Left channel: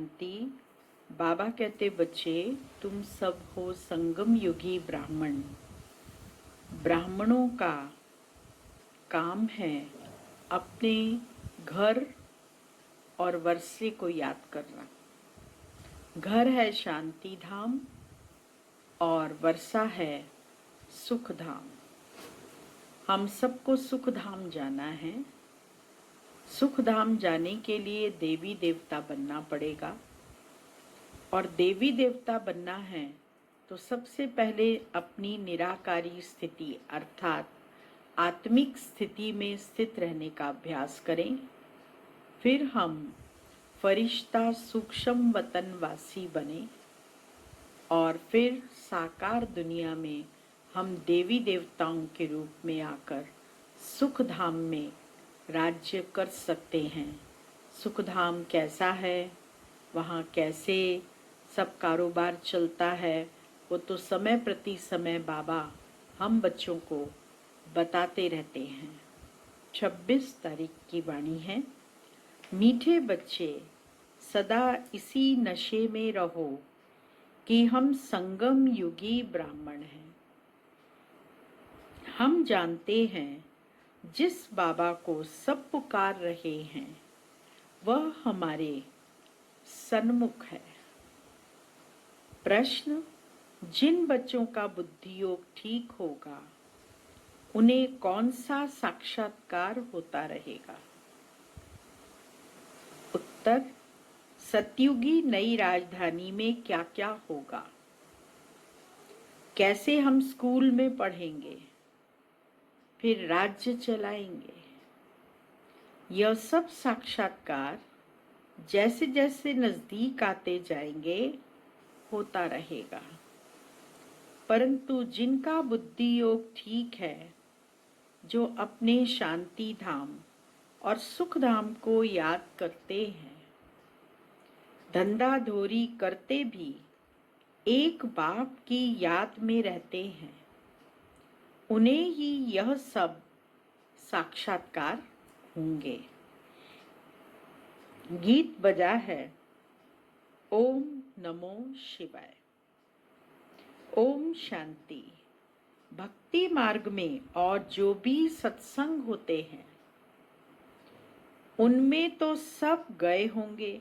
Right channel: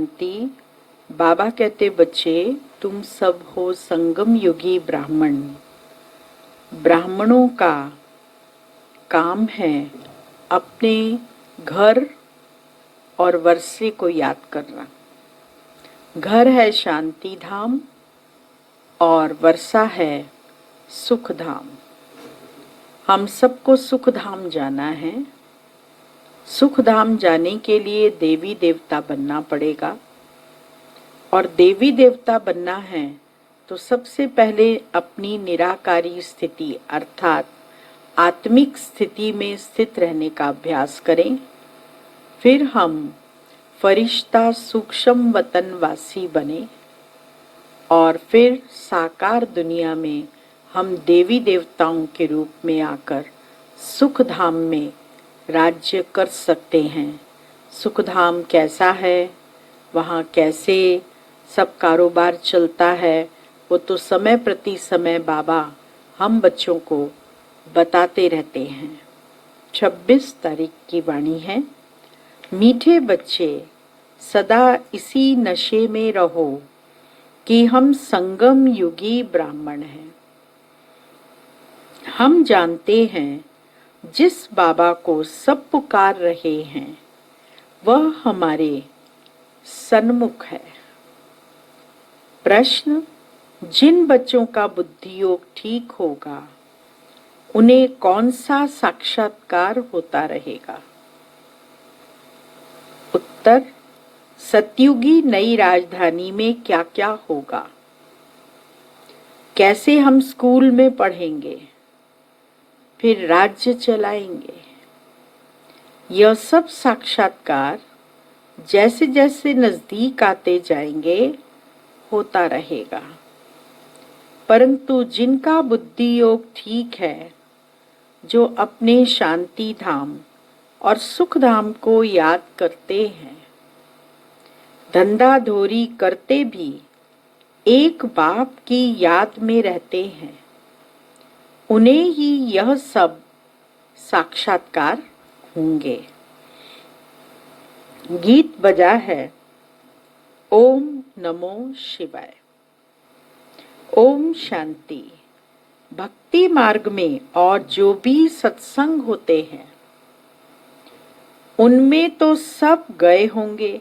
शांति। बाबा कहते बच्चे, तुम सब हो संगम युगी ब्राह्मण। ब्राह्मणों का काम है अपने घर और वर्षे को याद करना। घर है शांति धाम और वर्षा है सुख धाम। हम सबको सुख धाम जाना है। सुख धाम जाने के लिए देवी देवता बनना पड़ेगा, और देवी देवता बनना है तो सबसे पहले अपनी निराकारी स्थिति अर्थात आत्मिक स्थिति में स्थित रहने का अभ्यास करें। फिर हम फरिश्ता सूक्ष्म वतनवासी बने और फिर साकार दुनिया में हम देवी देवताओं के रूप में आकर सुख धाम में राज्य कर सकते हैं। सुख धाम कैसा है, वहाँ कैसे सब कारोबार चलता है, वो तो समय प्रति समय बाबा हम बच्चों को बताते रहते हैं। 26 तारीख की वाणी है। मीठे बच्चे, सदा इसी नशे में रहो कि हम संगम युगी ब्राह्मण हैं। हम जानते हैं जिस बाबा को सब पुकार रहे हैं वह हमारे सन्मुख है। प्रश्न, जिन बच्चों का बुद्धि योग ठीक होगा उन्हें कौन सा साक्षात्कार होता रहेगा? उत्तर, सतयुगी नई राजधानी में क्या क्या होगा, कैसे हम स्कूल में पढ़ेंगे, फिर राज्य चलाएंगे। यह सब साक्षात्कार जैसे जैसे नजदीक आते जाएंगे होता रहेगा। परंतु जिनका बुद्धि योग ठीक है, जो अपने शांति धाम और सुख धाम को याद करते हैं, धंधा धोरी करते भी एक बाप की याद में रहते हैं, उन्हें ही यह सब साक्षात्कार होंगे। गीत बजा है ओम नमो शिवाय। ओम शांति। भक्ति मार्ग में और जो भी सत्संग होते हैं उनमें तो सब गए होंगे।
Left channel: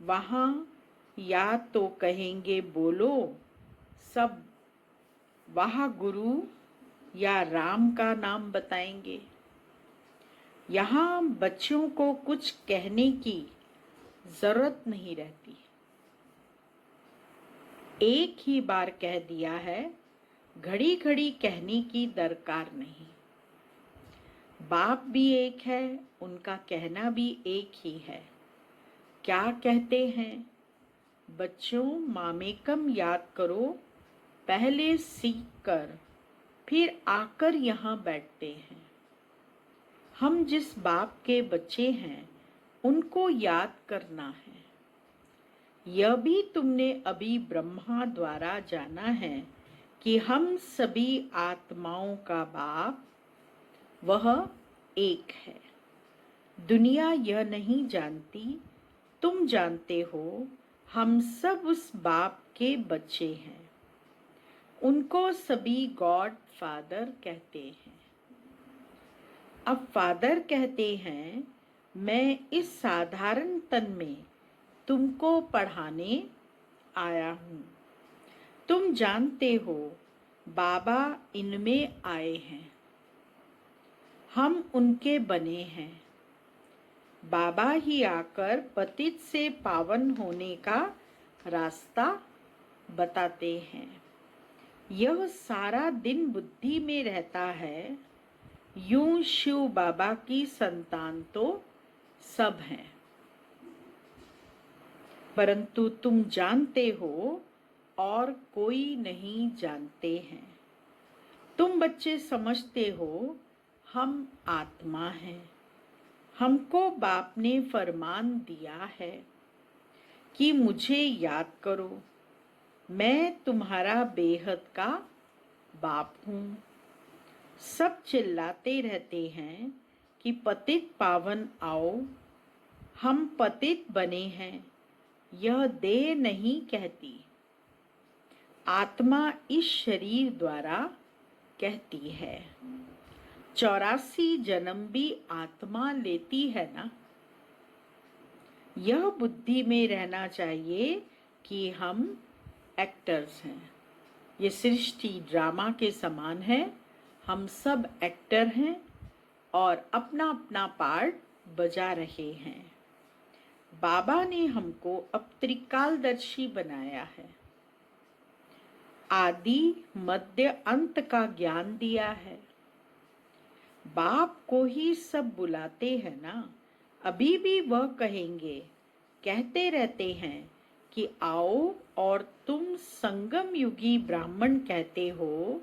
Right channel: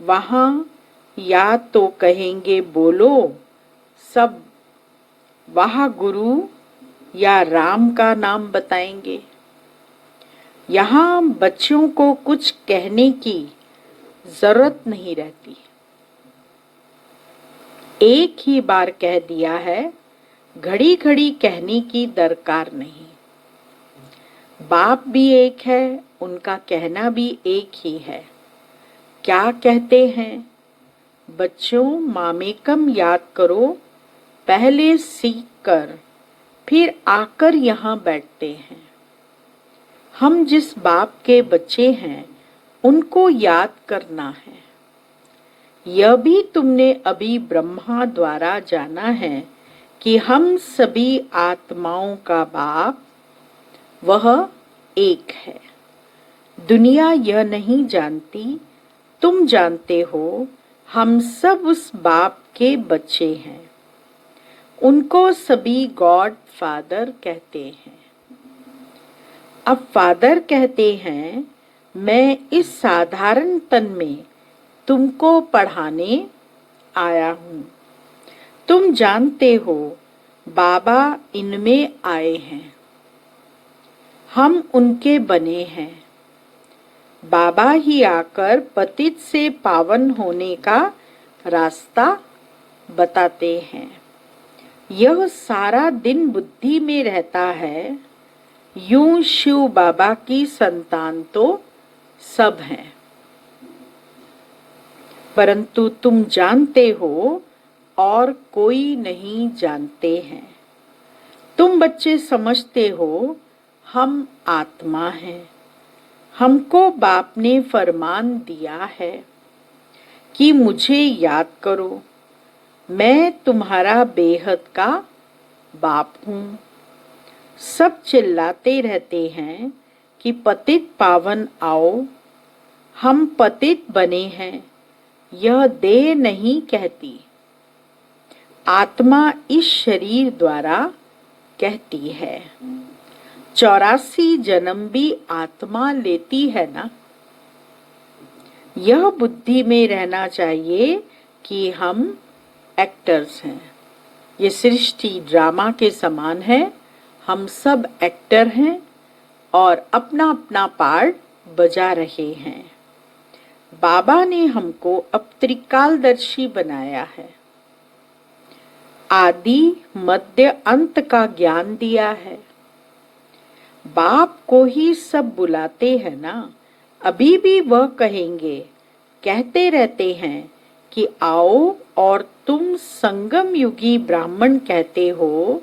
वहां या तो कहेंगे बोलो सब, वहां गुरु या राम का नाम बताएंगे। यहाँ बच्चों को कुछ कहने की जरूरत नहीं रहती। एक ही बार कह दिया है, घड़ी घड़ी कहने की दरकार नहीं। बाप भी एक है, उनका कहना भी एक ही है। क्या कहते हैं? बच्चों, मामेकम याद करो, पहले सीख कर फिर आकर यहाँ बैठते हैं। हम जिस बाप के बच्चे हैं उनको याद करना है। यह भी तुमने अभी ब्रह्मा द्वारा जाना है कि हम सभी आत्माओं का बाप वह एक है। दुनिया यह नहीं जानती, तुम जानते हो। हम सब उस बाप के बच्चे हैं। उनको सभी गॉड फादर कहते हैं। अब फादर कहते हैं, मैं इस साधारण तन में तुमको पढ़ाने आया हूँ। तुम जानते हो बाबा इनमें आए हैं, हम उनके बने हैं। बाबा ही आकर पतित से पावन होने का रास्ता बताते हैं। यह सारा दिन बुद्धि में रहता है, यूं शिव बाबा की संतान तो सब हैं। परंतु तुम जानते हो और कोई नहीं जानते हैं। तुम बच्चे समझते हो हम आत्मा हैं। हमको बाप ने फरमान दिया है कि मुझे याद करो, मैं तुम्हारा बेहद का बाप हूँ। सब चिल्लाते रहते हैं कि पतित पावन आओ। हम पतित बने हैं, यह देह नहीं कहती, आत्मा इस शरीर द्वारा कहती है। 84 जन्म भी आत्मा लेती है ना। यह बुद्धि में रहना चाहिए कि हम एक्टर्स हैं। ये सृष्टि ड्रामा के समान है, हम सब एक्टर हैं और अपना अपना पार्ट बजा रहे हैं। बाबा ने हमको अब त्रिकालदर्शी बनाया है, आदि मध्य अंत का ज्ञान दिया है। बाप को ही सब बुलाते हैं ना, अभी भी वह कहेंगे, कहते रहते हैं कि आओ और तुम संगम युगी ब्राह्मण कहते हो।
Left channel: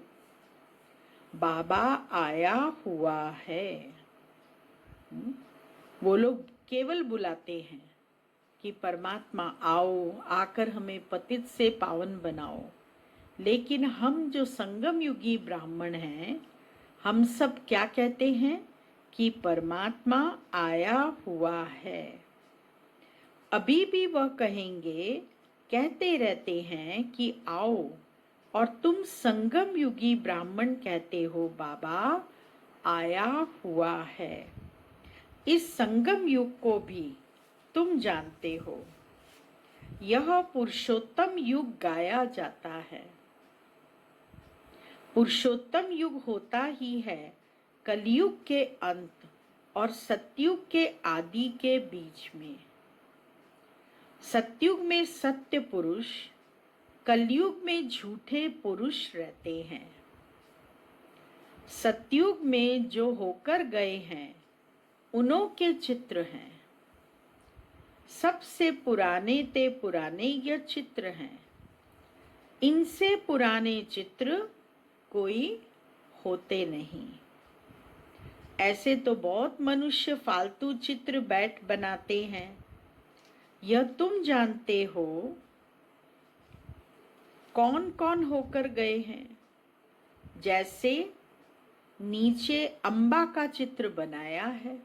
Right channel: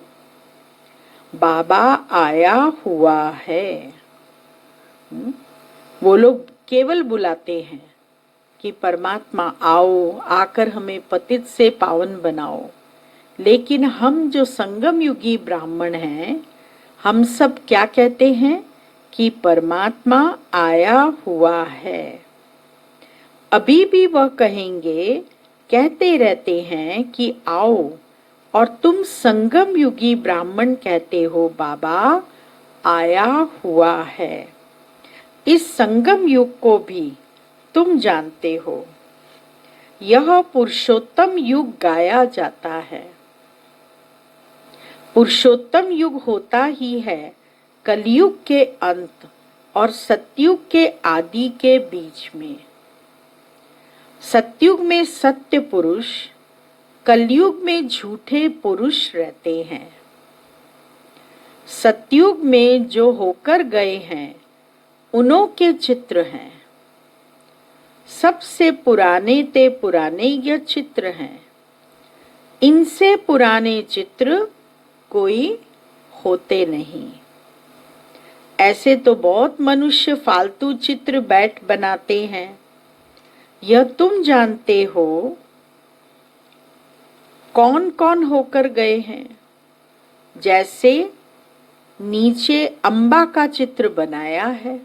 बाबा आया हुआ है। वो लोग केवल बुलाते हैं कि परमात्मा आओ, आकर हमें पतित से पावन बनाओ। लेकिन हम जो संगम युगी ब्राह्मण हैं, हम सब क्या कहते हैं कि परमात्मा आया हुआ है। अभी भी वह कहेंगे, कहते रहते हैं कि आओ और तुम संगम युगी ब्राह्मण कहते हो, बाबा आया हुआ है। इस संगम युग को भी तुम जानते हो। यह पुरुषोत्तम युग गाया जाता है। पुरुषोत्तम युग होता ही है कलयुग के अंत और सतयुग के आदि के बीच में। सतयुग में सत्य पुरुष, कलयुग में झूठे पुरुष रहते हैं। सतयुग में जो होकर गए हैं उन्हों के चित्र हैं। सबसे पुराने ते पुराने यह चित्र हैं। इनसे पुराने चित्र कोई होते नहीं। ऐसे तो बहुत मनुष्य फालतू चित्र बैठ बनाते हैं। यह तुम जानते हो कौन कौन होकर गए हैं। जैसे नीचे अम्बा का चित्र बनाया है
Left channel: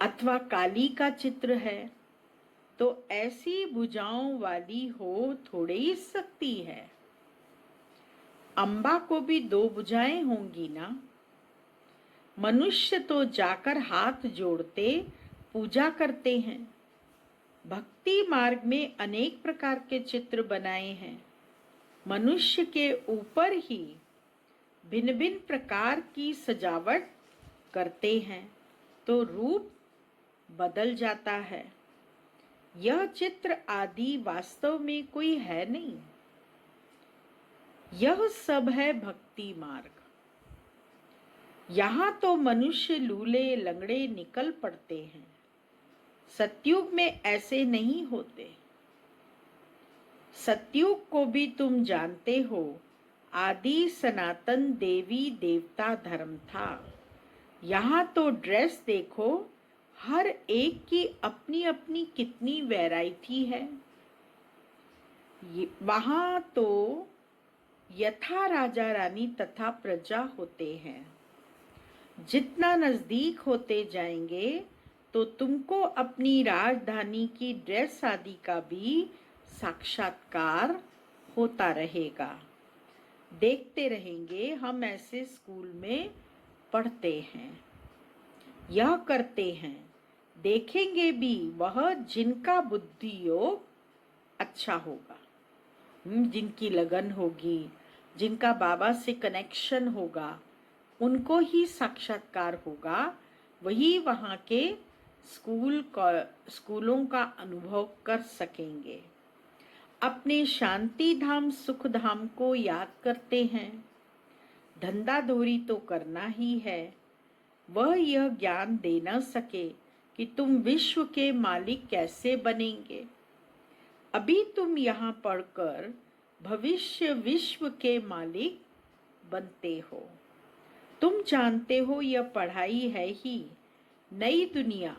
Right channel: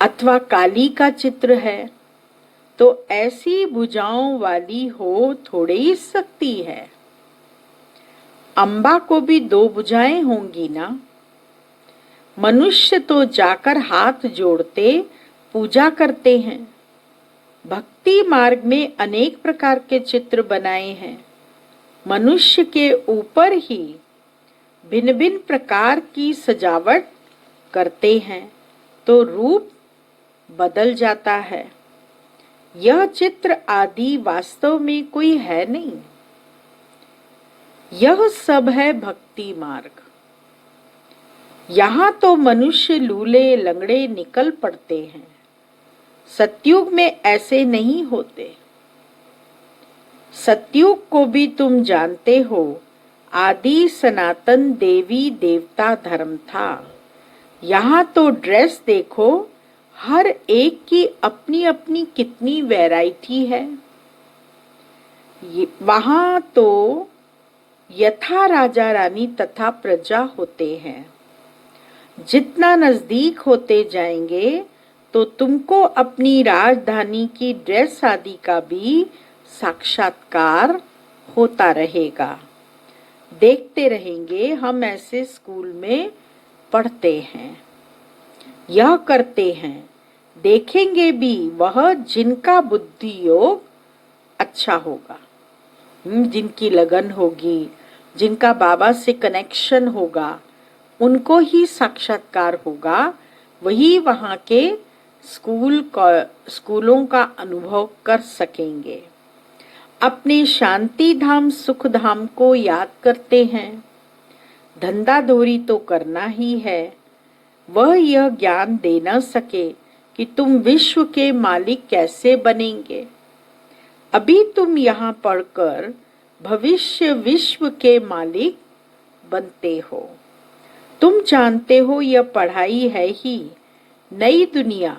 अथवा काली का चित्र है, तो ऐसी भुजाओं वाली हो थोड़े ही सकती है। अम्बा को भी 2 भुजाएं होंगी ना। मनुष्य तो जाकर हाथ जोड़ते पूजा करते हैं। भक्ति मार्ग में अनेक प्रकार के चित्र बनाए हैं। मनुष्य के ऊपर ही भिन्न भिन्न प्रकार की सजावट करते हैं तो रूप बदल जाता है। यह चित्र आदि वास्तव में कोई है नहीं। यह सब है भक्ति मार्ग। यहाँ तो मनुष्य लूले लंगड़े निकल पड़ते हैं। सतयुग में ऐसे नहीं होते। सतयुग को भी तुम जानते हो, आदि सनातन देवी देवता धर्म था। यहाँ तो ड्रेस देखो, हर एक की अपनी अपनी कितनी वैरायटी है। वहाँ तो यथा राजा रानी तथा प्रजा होते हैं। जितना नजदीक होते जाएंगे तो तुमको अपनी राजधानी की ड्रेस आदि का भी साक्षात्कार होता रहेगा। देखते रहेंगे। हम ऐसे स्कूल में पढ़ते हैं, यह करते हैं, देखेंगे भी। वह जिनका बुद्धि योग अच्छा होगा, जिनकी लगन होगी, जिनका बाबा से कनेक्शन होगा, उनको ही साक्षात्कार होगा। वही वहाँ के स्कूलों का अनुभव कर सकेंगे। अपने शांति धाम सुख धाम को याद करते हैं। धंधा धोरी तो करना ही है। वह यह ज्ञान दे न सके कि तुम विश्व के मालिक कैसे बनेंगे। अभी तुम यहाँ पढ़कर भविष्य विश्व के मालिक बनते हो। तुम जानते हो यह पढ़ाई है ही नई दुनिया,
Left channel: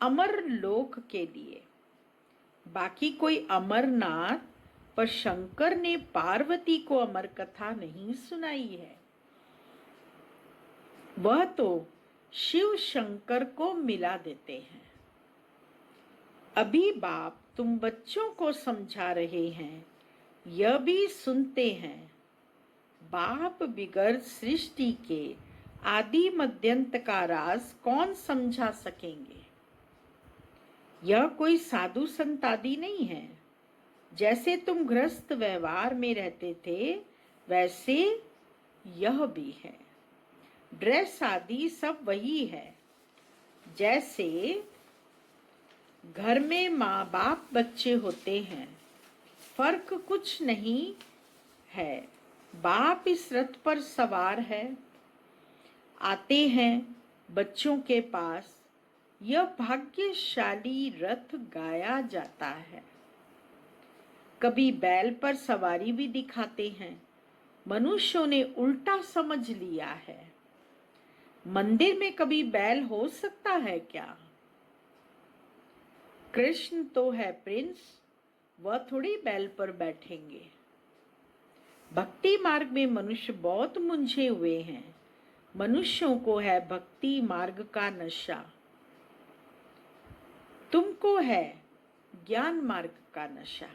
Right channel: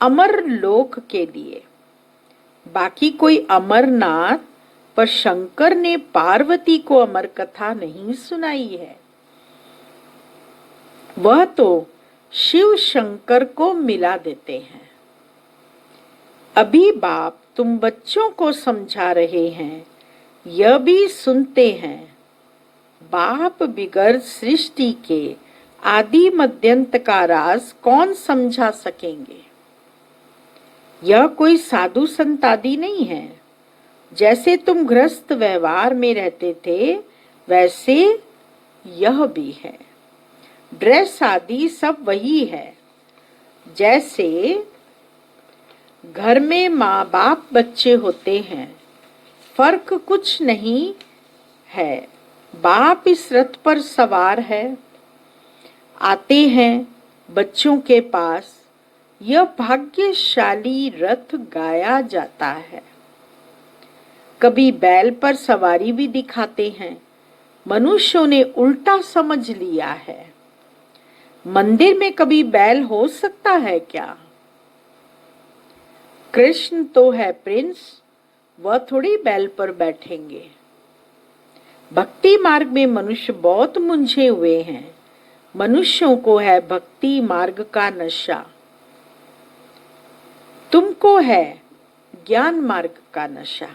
अमर लोक के लिए। बाकी कोई अमरनाथ पर शंकर ने पार्वती को अमर कथा नहीं सुनाई है। वह तो शिव शंकर को मिला देते हैं। अभी बाप तुम बच्चों को समझा रहे हैं, यह भी सुनते हैं। बाप बिगर सृष्टि के आदि मध्यंत का राज कौन समझा सकेंगे। यह कोई साधु संत आदि नहीं है। जैसे तुम गृहस्थ व्यवहार में रहते थे वैसे यह भी है। ड्रेस आदि सब वही है। जैसे घर में माँ बाप बच्चे होते हैं, फर्क कुछ नहीं है। बाप इस रथ पर सवार है, आते हैं बच्चों के पास। यह भाग्यशाली रथ गाया जाता है। कभी बैल पर सवारी भी दिखाते हैं। मनुष्यों ने उल्टा समझ लिया है। मंदिर में कभी बैल हो सकता है क्या? कृष्ण तो है प्रिंस, वह थोड़ी बैल पर बैठेंगे। भक्ति मार्ग में मनुष्य बहुत मुंझे हुए हैं। मनुष्यों को है भक्ति मार्ग का नशा, तुमको है ज्ञान मार्ग का नशा।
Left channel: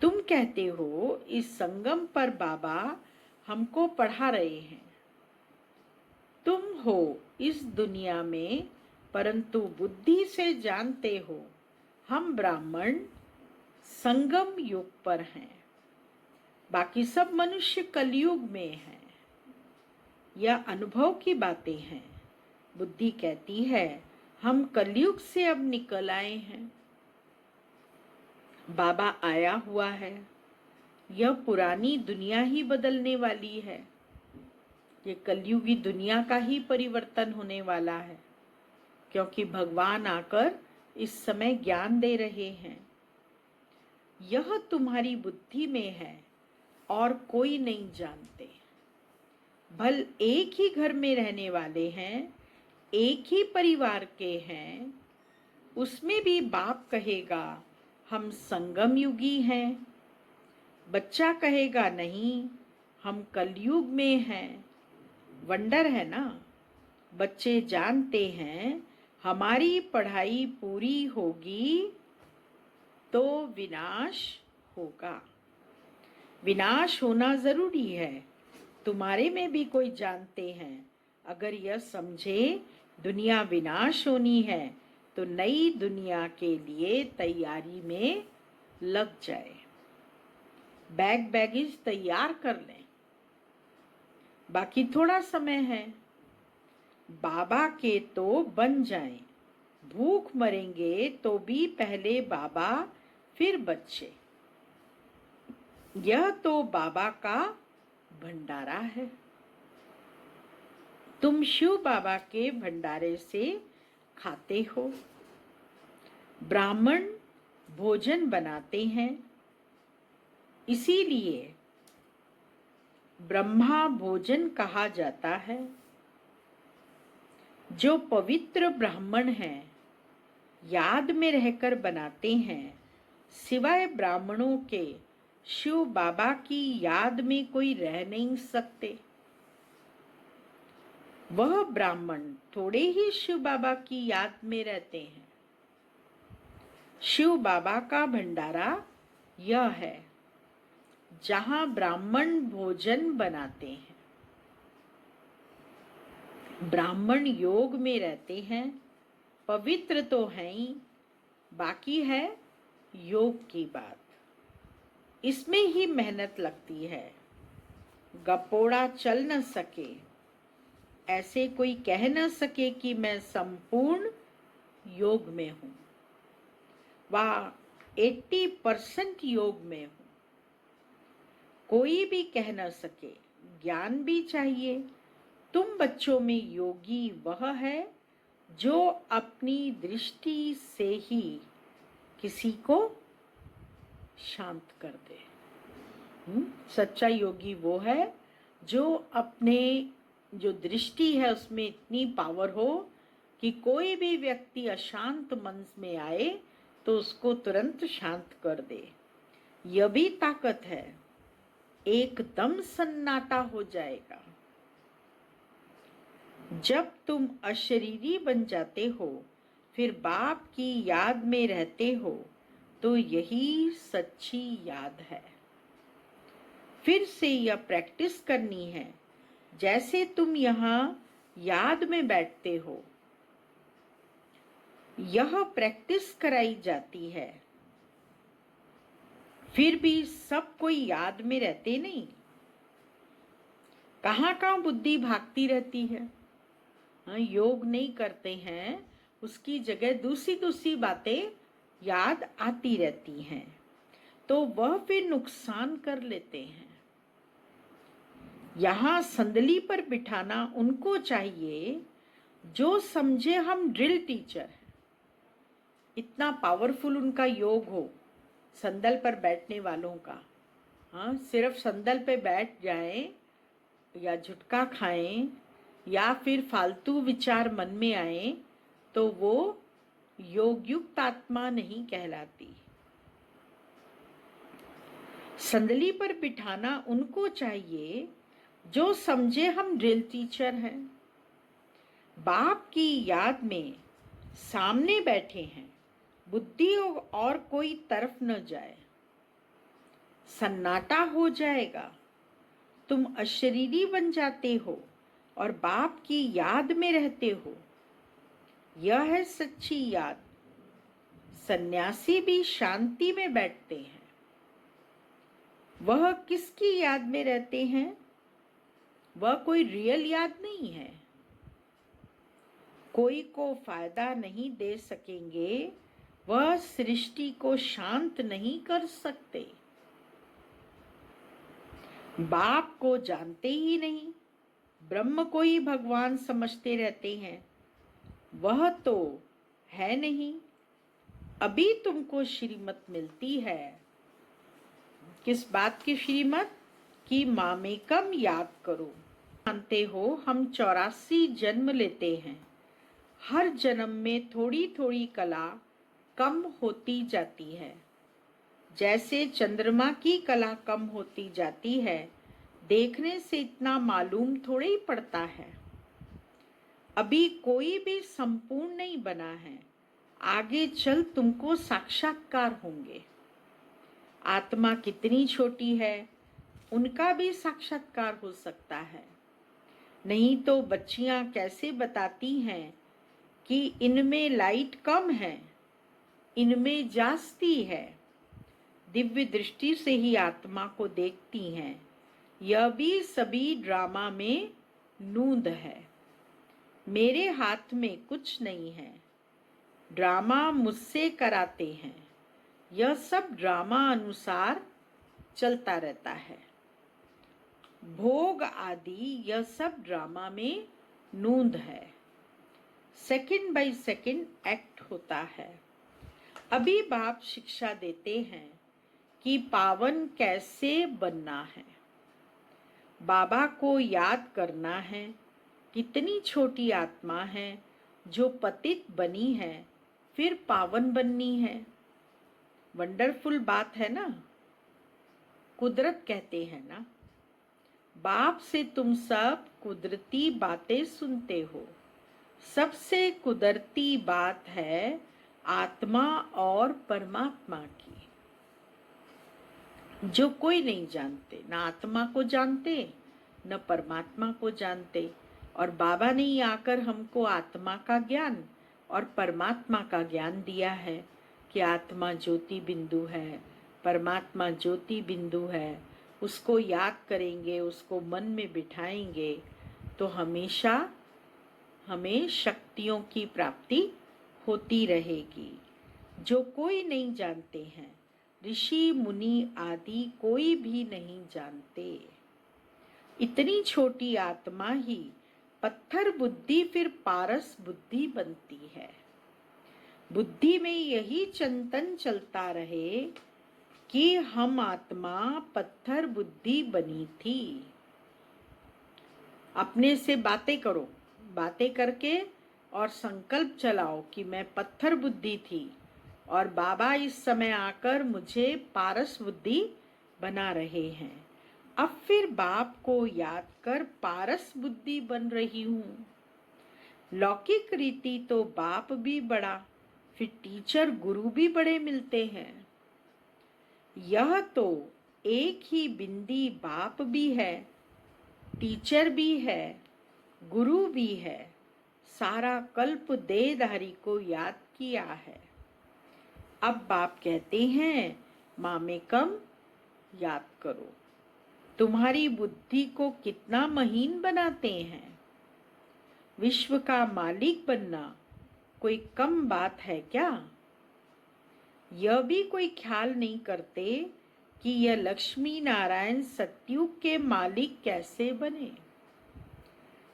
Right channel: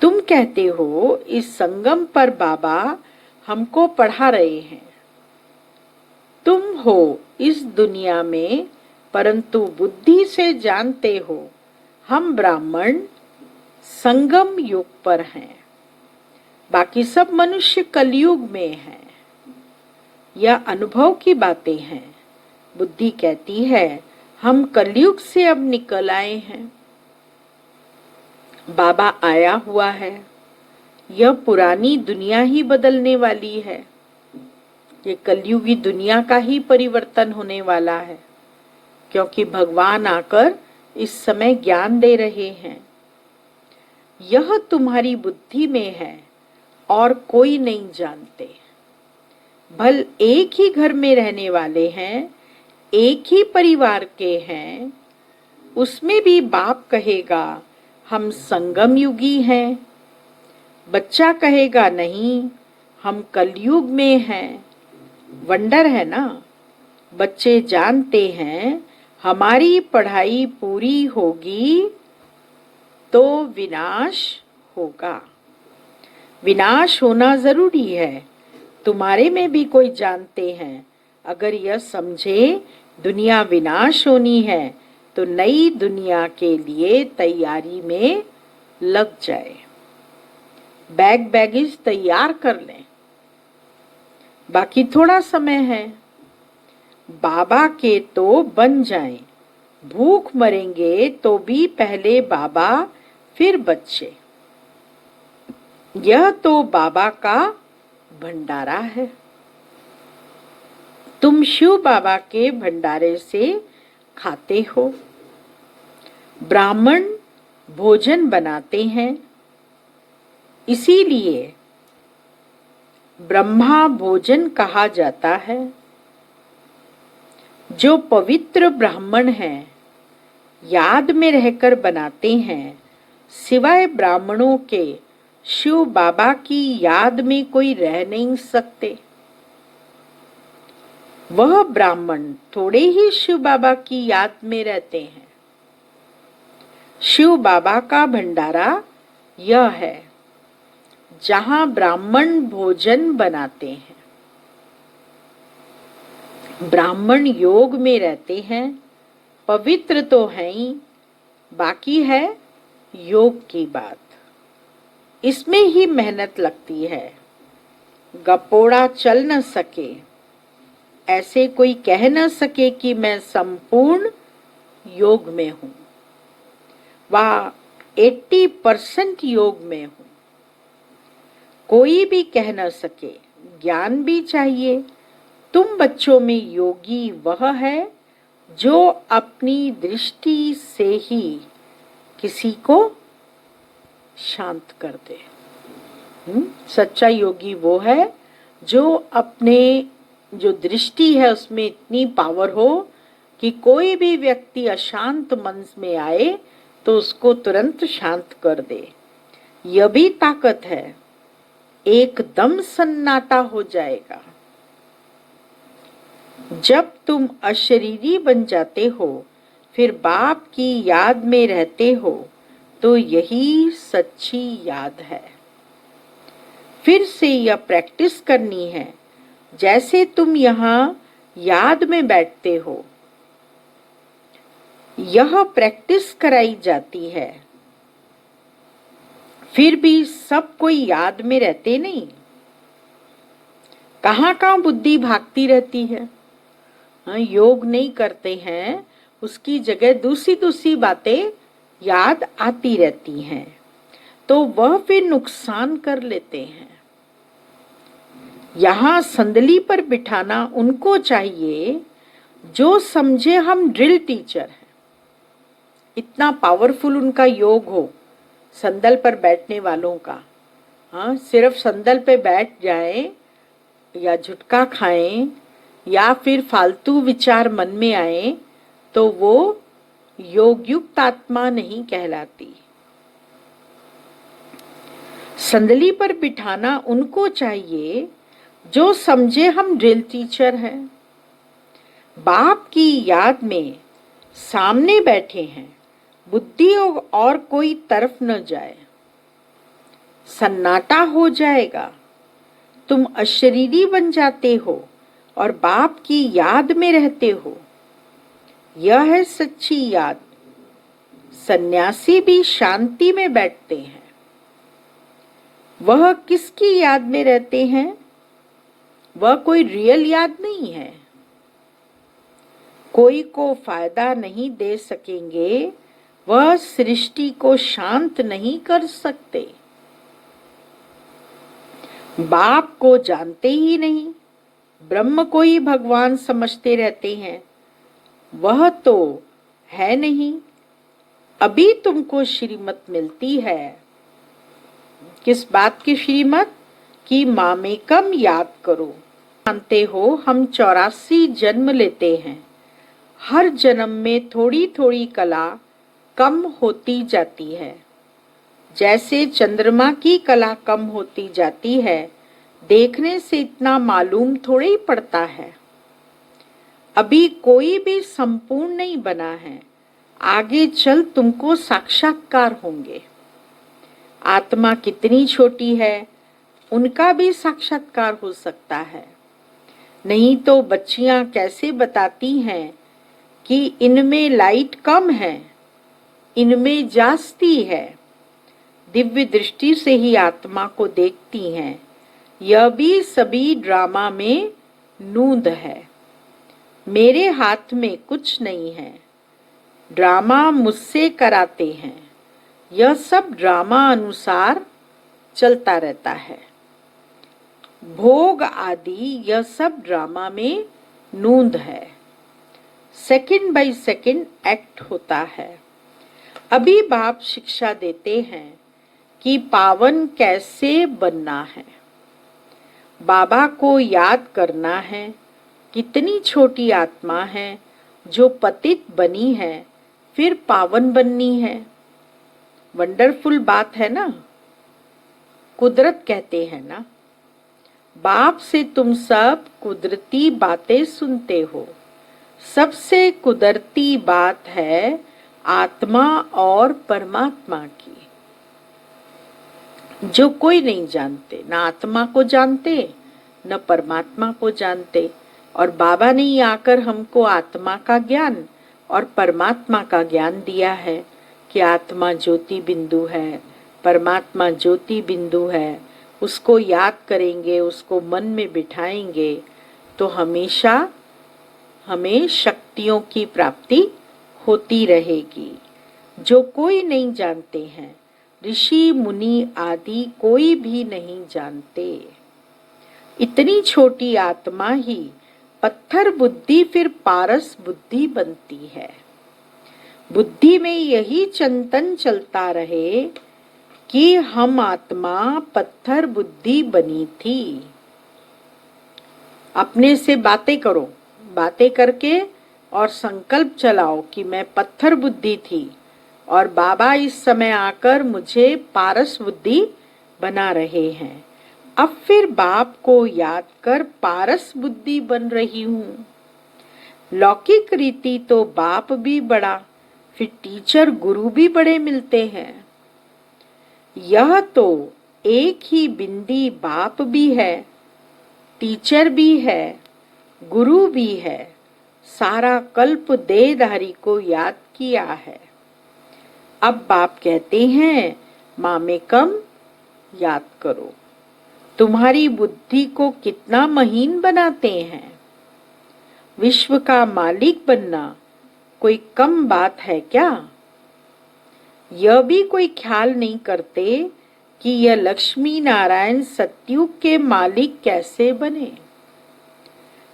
तुम कहते हो इस संगम पर बाबा हमको पढ़ा रहे हैं। तुम हो इस दुनिया में, परंतु बुद्धि से जानते हो हम ब्राह्मण संगम युग पर हैं। बाकी सब मनुष्य कलयुग में हैं। यह अनुभव की बातें हैं। बुद्धि कहती है हम कलयुग से अब निकल आए हैं। बाबा आया हुआ है। यह पुरानी दुनिया ही बदलने वाली है। ये कलयुगी दुनिया का ही परिवर्तन होने वाला है, क्योंकि भगवान आकर इस समय ज्ञान दे रहे हैं। यह तुम्हारी बुद्धि में है और कोई नहीं जानते। भल एक ही घर में रहने वाले हैं, एक ही परिवार के हैं, उसमें भी बाप कहेगा हम संगम युगी हैं। बच्चा कहेगा नहीं हम कलयुग में हैं। वंडर है ना। बच्चे जानते हैं हमारी पढ़ाई पूरी होगी तो विनाश होगा। विनाश होना जरूरी है। तुम्हारे में भी कोई जानते हैं अगर यह समझे दुनिया विनाश होनी है तो नई दुनिया के लिए तैयारी में लग जाए। बैग बैगेज तैयार कर लें, बाकी थोड़ा समय है। बाबा के तो बन जाएं। भूख मरेंगे तो भी पहले बाबा फिर बच्चे। यह तो बाबा का भंडारा है। तुम शिव बाबा के भंडारे से खाते हो। ब्राह्मण भोजन बनाते हैं, इसीलिए ब्रह्मा भोजन कहा जाता है। जो पवित्र ब्राह्मण हैं, याद में रहकर बनाते हैं। सिवाय ब्राह्मणों के शिव बाबा की याद में कोई रह नहीं सकते। वह ब्राह्मण थोड़े ही शिव बाबा की याद में रहते हैं। शिव बाबा का भंडारा यह है जहां ब्राह्मण भोजन बनाते हैं। ब्राह्मण योग में रहते हैं, पवित्र तो हैं ही, बाकी है योग की बात। इसमें ही मेहनत लगती है। गपोड़ा चल न सके, ऐसे कोई कह न सके कि मैं संपूर्ण योग में हूं। वह 80% योग में हूं। कोई भी कह न सके। ज्ञान भी चाहिए। तुम बच्चों में योगी वह है जो अपनी दृष्टि से ही किसी को शांत कर दे। सच्चा योगी वो है जो अपने जो दृष्टि है उसमें इतनी पावर हो कि कोई भी व्यक्ति अशांत मन में आए तो उसको तुरंत शांत कर दे। यह भी ताकत है। एकदम सन्नाटा हो जाएगा। जब तुम अशरीरी बन जाते हो फिर बाप की याद में रहते हो तो यही सच्ची याद है। फिर से यह प्रैक्टिस करनी है, जैसे तुम यहाँ याद में बैठते हो। यह प्रैक्टिस कराई जाती है, फिर भी सब कोई याद में रहते नहीं। कहाँ कहाँ बुद्धि भागती रहती है। हाँ, योग नहीं करते हैं, उसकी जगह दूसरी दूसरी बातें याद आती रहती हैं, तो वह फिर नुकसान कर लेते हैं। यहाँ संदली पर बिठाना उनको चाहिए जो समझे हम ड्रिल टीचर हैं। इतना पावरफुल उनका योग हो संदल पर बैठने वालों का। हाँ, सिर्फ संदल पे बैठ जाएं या झुटका खाएं या फिर फालतू विचार मन में आए तो वो योगयुक्त आत्मा नहीं कहलाती। संदली पर बिठाना उनको चाहिए जो समझे हम ड्रिल टीचर हैं। बाप की याद में सामने बैठे हैं, बुद्धि और कोई तरफ न जाए। सन्नाटा हो जाएगा, तुम अशरीरी बन जाते हो और बाप की याद में रहते हो। यह है सच्ची याद। सन्यासी भी शांति में बैठते हैं। वह किसकी याद में रहते हैं? वह कोई रियल याद नहीं है। कोई को फायदा नहीं दे सकेंगे, वह सृष्टि को शांत नहीं कर सकते। बाप को जानते ही नहीं, ब्रह्म को ही भगवान समझते रहते हैं। वह तो है नहीं। अभी तुमको श्रीमत मिलती है। किस बात की श्रीमत? कि मामेकम याद करो। जानते हो हम 84 जन्म लेते हैं। हर जन्म में थोड़ी थोड़ी कला कम होती जाती है। जैसे चंद्रमा की कला कम होती जाती है, देखने से इतना मालूम थोड़ा ही पड़ता है। अभी कोई भी संपूर्ण नहीं बना है। आगे चल तुमको साक्षात्कार होंगे। आत्मा कितनी छोटी है, उनका भी साक्षात्कार हो सकता है। नहीं तो बच्चियां कैसे बताती हैं कि इनमें लाइट कम है, इनमें जास्ती है। दिव्य दृष्टि से ही आत्मा को देखती हैं। यह भी सभी ड्रामा में नूंद है। मेरे हाथ में कुछ नहीं है। ड्रामा मुझसे कराते हैं। यह सब ड्रामा अनुसार चलता रहता है। भोग आदि यह सब ड्रामा में नूंद है। सेकंड बाय सेकंड एक्ट होता है। अभी बाप शिक्षा देते हैं कि पावन कैसे बनना है। बाबा को याद करना है। कितनी छोटी आत्मा है जो पतित बनी है, फिर पावन बननी है। वंडरफुल बात है ना। कुदरत कहते हैं ना, बाप से तुम सब कुदरती बातें सुनते हो। सबसे कुदरती बात है आत्मा और परमात्मा की, जो कोई नहीं जानते। ना आत्मा को जानते, न परमात्मा को जानते। और बाबा ने ही आकर हमको आत्मा का ज्ञान और परमात्मा का ज्ञान दिया है कि आत्मा ज्योति बिंदु है, परमात्मा ज्योति बिंदु है। उसको याद करेंगे, उसको मन में बिठाएंगे तो हमेशा हमें शक्तियों की प्राप्ति होती रहेगी, जो कोई नहीं जानते हैं। ऋषि मुनि आदि कोई भी नहीं जानते। इतनी छोटी आत्मा ही पत्थर बुद्धि फिर पारस बुद्धि बनती है। बुद्धि में यही चिंतन चलता रहे कि हम आत्मा पत्थर बुद्धि बनी थी। अपने से बातें करो, बातें करके और संकल्प चलाओ कि मैं पत्थर बुद्धि थी और बाबा इस समय आकर मुझे पारस बुद्धि बना रहे हैं। अब फिर बाप को याद कर पारस बुद्धि बन रही हूँ। लौकिक रीति तो बाप भी बड़ा फिर टीचर गुरु भी बड़े मिलते हैं। यह तो एक ही बिंदी बाप भी है, टीचर भी है, गुरु भी है, सारा कल्प देहधारी को याद किया है। अब बाप कहते हैं मामेकम याद करो, तुम्हारी बुद्धि को कितना महीन बनाते हैं। विश्व का मालिक बनना कोई कम बात है क्या? यह भी कोई ख्याल नहीं करते कि यह लक्ष्मी नारायण सतयुग के मालिक कैसे बने।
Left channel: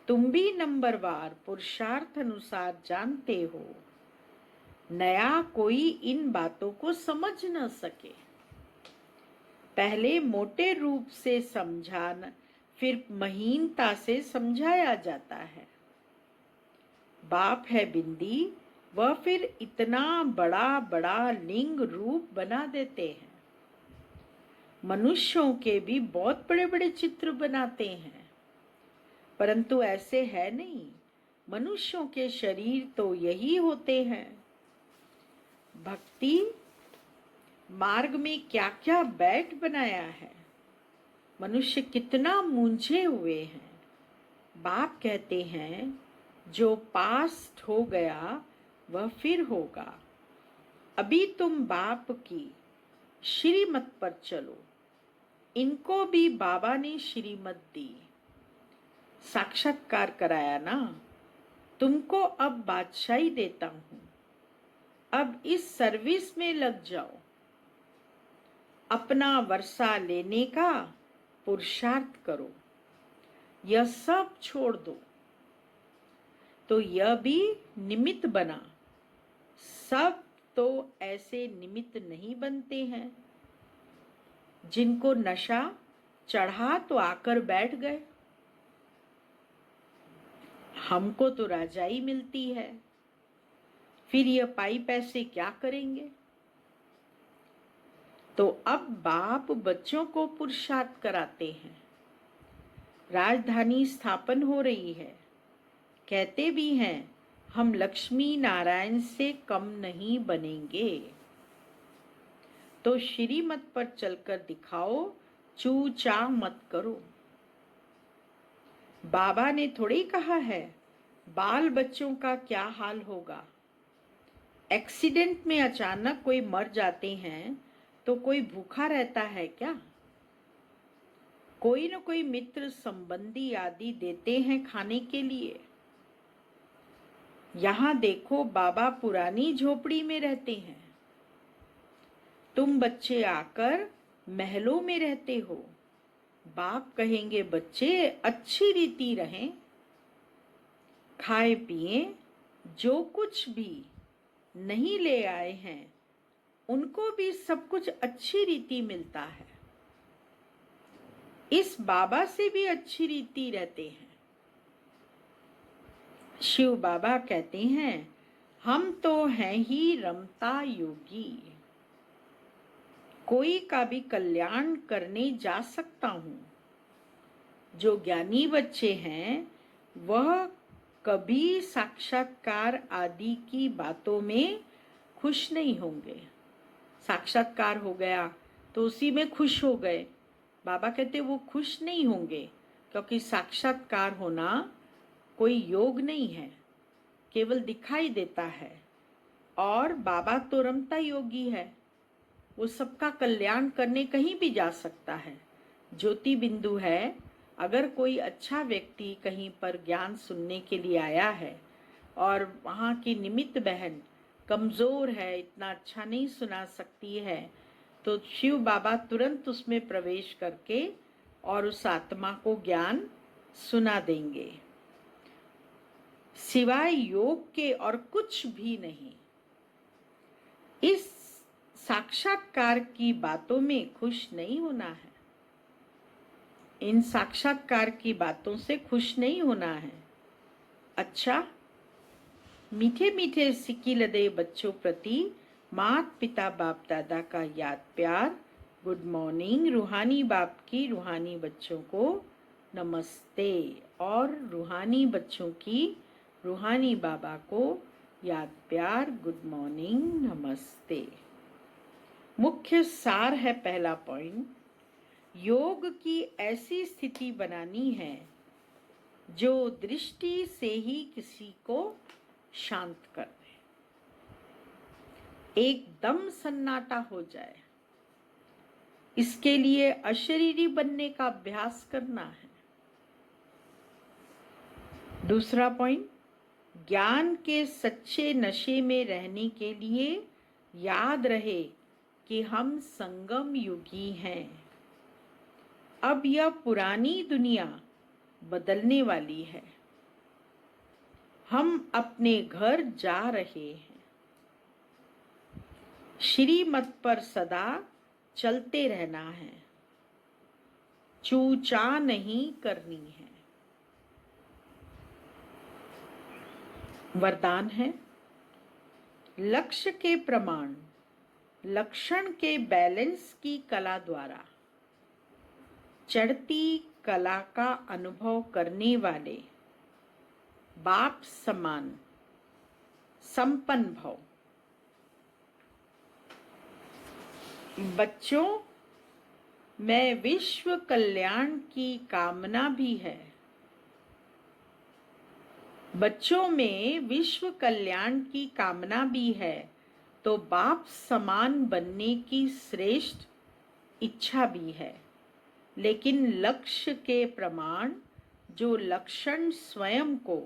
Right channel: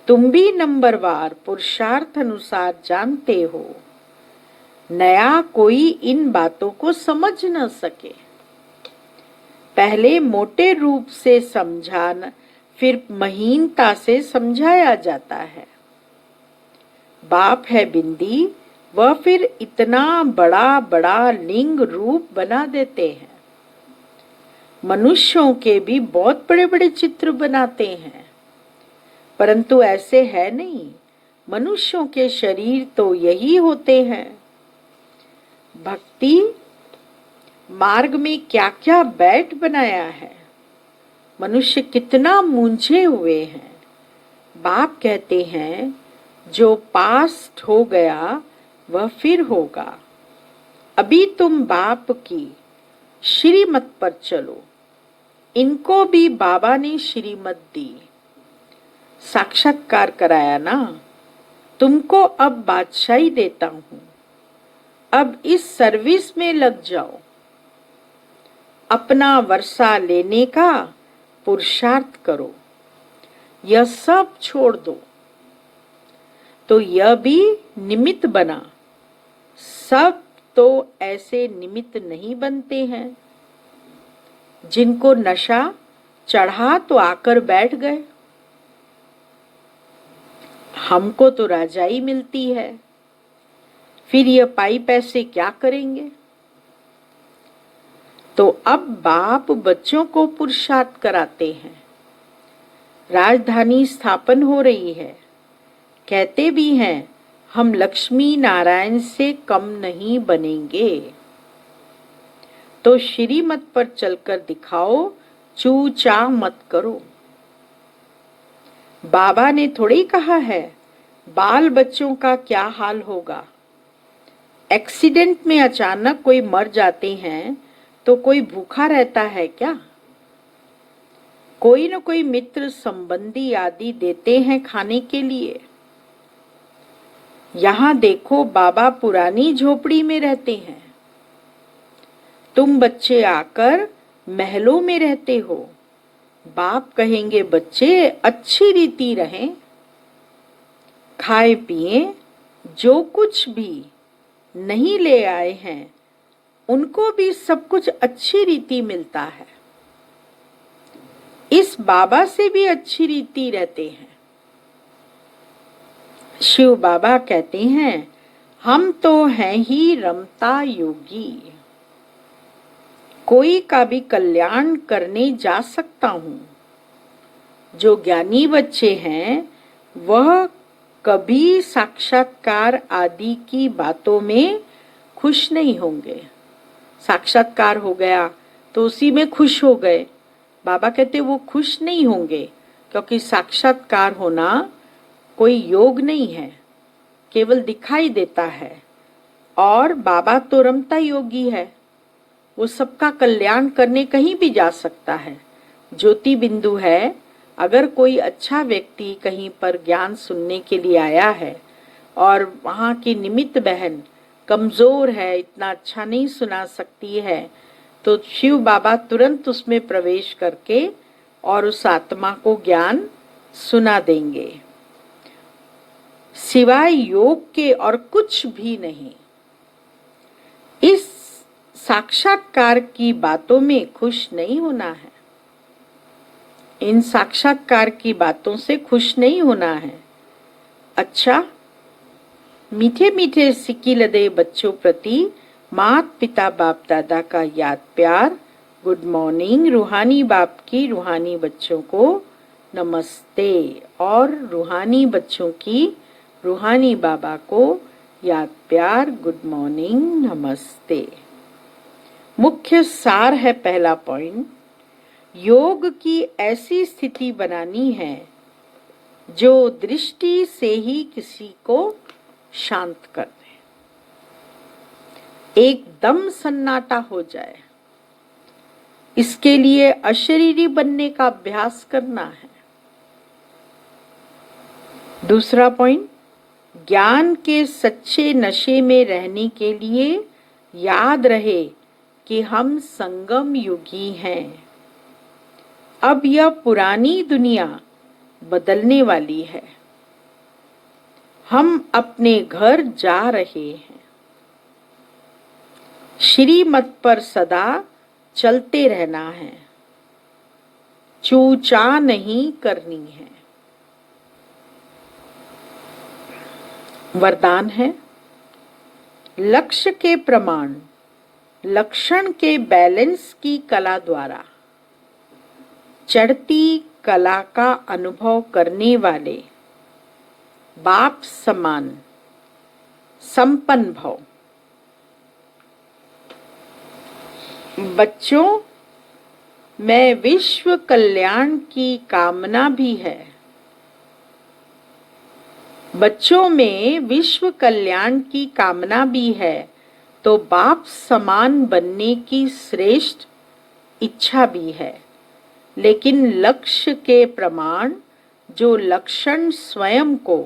तुम भी नंबरवार पुरुषार्थ अनुसार जानते हो, नया कोई इन बातों को समझ न सके। पहले मोटे रूप से समझाना, फिर महीनता से समझाया जाता है। बाप है बिंदी, वह फिर इतना बड़ा बड़ा लिंग रूप बना देते हैं। मनुष्यों के भी बहुत बड़े बड़े चित्र बनाते हैं, परंतु ऐसे है नहीं। मनुष्यों के शरीर तो यही होते हैं। भक्ति मार्ग में क्या क्या बैठ बनाया है, मनुष्य कितना मूंझे हुए हैं। बाप कहते हैं जो पास्ट हो गया वह फिर होगा। अभी तुम बाप की श्रीमत पर चलो। इनको भी बाबा ने श्रीमत दी, साक्षात्कार कराया ना। तुमको अब बादशाही देता हूं, अब इस सर्विस में लग जाओ। अपना वर्षा लेने का पुरुषार्थ करो, यह सब छोड़ दो। तो यह भी निमित्त बना। सब तो ऐसे निमित्त नहीं बनते हैं। जिनको नशा चढ़ा तो आकर बैठ गए। हमको तो राजाई मिलती है, फिर ये पाई पैसे क्या करेंगे। तो अब बाप बच्चों को पुरुषार्थ कराते हैं। राजधानी स्थापन हो रही है। कहते भी हैं हम लक्ष्मी नारायण से कम नहीं बनेंगे। तो श्रीमत पर चलकर दिखाओ, चू चा मत करो। बाबा ने थोड़ी कहा है बाल बच्चों का क्या हाल होगा। एक्सीडेंट में अचानक कोई मर जाते हैं तो कोई भूखा रहता है क्या? कोई न कोई मित्र संबंधी आदि देते हैं खाने के लिए। यहाँ देखो बाबा पुरानी झोपड़ी में रहते हैं, तुम बच्चे आकर महलों में रहते हो। बाप कहेंगे बच्चे अच्छी रीति रहें, खाए पिए, जो कुछ भी नहीं ले आए हैं उनको भी सब कुछ अच्छी रीति मिलता है। इस बाबा से भी अच्छी रीति रहते हैं। शिव बाबा कहते हैं हम तो हैं ही रमता योगी, कोई का भी कल्याण करने जा सकता हूँ। जो ज्ञानी बच्चे हैं वह कभी साक्षात्कार आदि की बातों में खुश नहीं होंगे। साक्षात्कार हो गया तो उसी में खुश हो गए। बाबा कहते वो खुश नहीं होंगे, क्योंकि साक्षात्कार होना कोई योग नहीं है, केवल दिखाई देता है। और बाबा तो रमता योगी है, वो सबका कल्याण करने कहीं भी जा सकता है। ज्योति बिंदु है। अगर कोई अच्छा व्यक्ति कहीं पर ज्ञान सुनने के लिए आया है और वहाँ की निमित्त बहन कमजोर है, इतना अच्छा नहीं सुना सकती है, तो शिव बाबा तुरंत उसमें प्रवेश करके और उस आत्मा को ज्ञान सुना देंगे। सिवाय योग के और कुछ भी नहीं। इस साक्षात्कार की बातों में खुश नहीं होना है। इन साक्षात्कार की बातों से खुश नहीं होना है। अच्छा, मीठे मीठे सिक्की लदे बच्चों प्रति मात पिता बाप दादा का याद प्यार। Good morning. रूहानी बाप की रूहानी बच्चों को नमस्ते और रूहानी बच्चों की रूहानी बाबा को याद प्यार, गुड मॉर्निंग, नमस्ते। मुख्य सार है पहला पॉइंट, योग की ऐसी स्थिति बनानी है जो दृष्टि से ही किसी को शांत कर दे, एकदम सन्नाटा हो जाए। इसके लिए अशरीरी बनने का अभ्यास करना है। दूसरा पॉइंट, ज्ञान के सच्चे नशे में रहने के लिए याद रहे कि हम संगम युगी हैं। अब यह पुरानी दुनिया बदलने वाली है। हम अपने घर जा रहे हैं। श्रीमत पर सदा चलते रहना है, चूचा नहीं करनी है। वरदान है, लक्ष्य के प्रमाण लक्षण के बैलेंस की कला द्वारा चढ़ती कला का अनुभव करने वाले बाप समान संपन्न भव। बच्चों में विश्व कल्याण की कामना भी है। बच्चों में विश्व कल्याण की कामना भी है तो बाप समान बनने की श्रेष्ठ इच्छा भी है। लेकिन लक्ष्य के प्रमाण जो लक्षण स्वयं को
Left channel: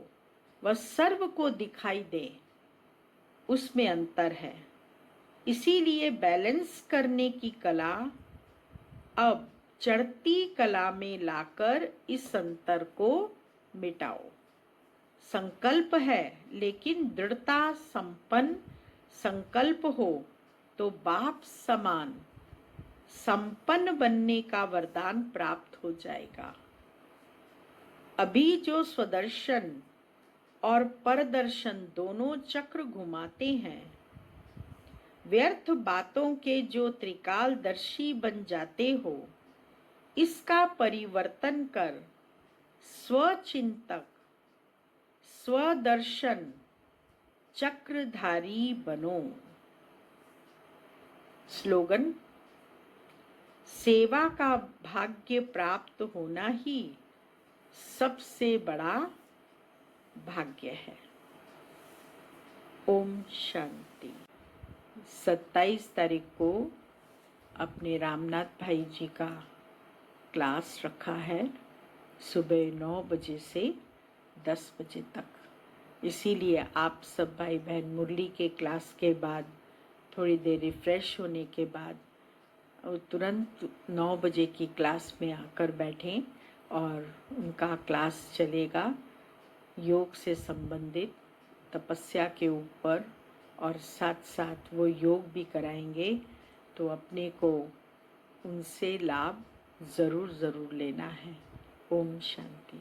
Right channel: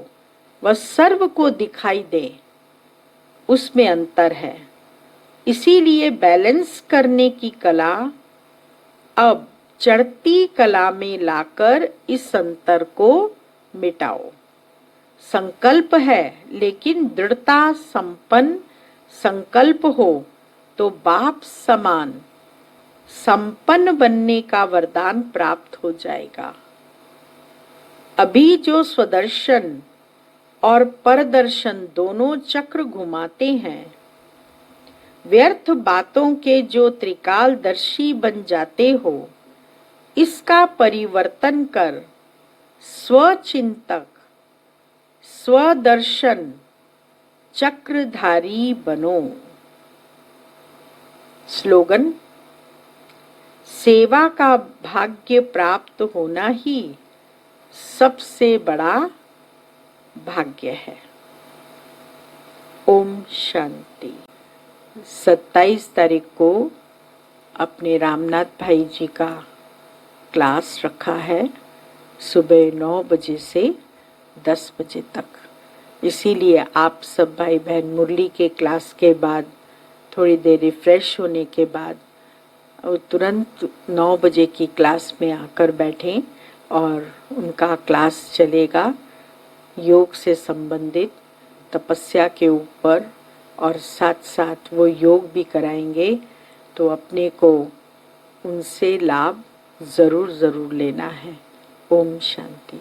व सर्व को दिखाई दे, उसमें अंतर है। इसीलिए बैलेंस करने की कला अब चढ़ती कला में लाकर इस अंतर को मिटाओ। संकल्प है, लेकिन दृढ़ता संपन्न संकल्प हो तो बाप समान संपन्न बनने का वरदान प्राप्त हो जाएगा। अभी जो स्वदर्शन और परदर्शन दोनों चक्र घुमाते हैं, व्यर्थ बातों के जो त्रिकालदर्शी बन जाते हो, इसका परिवर्तन कर स्वचिंतक स्वदर्शन चक्रधारी बनो। स्लोगन, सेवा का भाग्य प्राप्त होना ही सबसे बड़ा भाग्य है। ओम शांति। 27 तारीख को अपने रामनाथ भाई जी का क्लास रखा है, सुबह 9 बजे से 10 बजे तक। इसीलिए आप सब भाई बहन मुरली के क्लास के बाद थोड़ी देर रिफ्रेश होने के बाद तुरंत 9 बजे की क्लास में आकर बैठें और उनका क्लास चलेगा योग से संबंधित, तपस्या के ऊपर, और साथ साथ वो योग भी कराएंगे। तो अपने को उनसे लाभ ज़रूर लेना है। ओम शांति।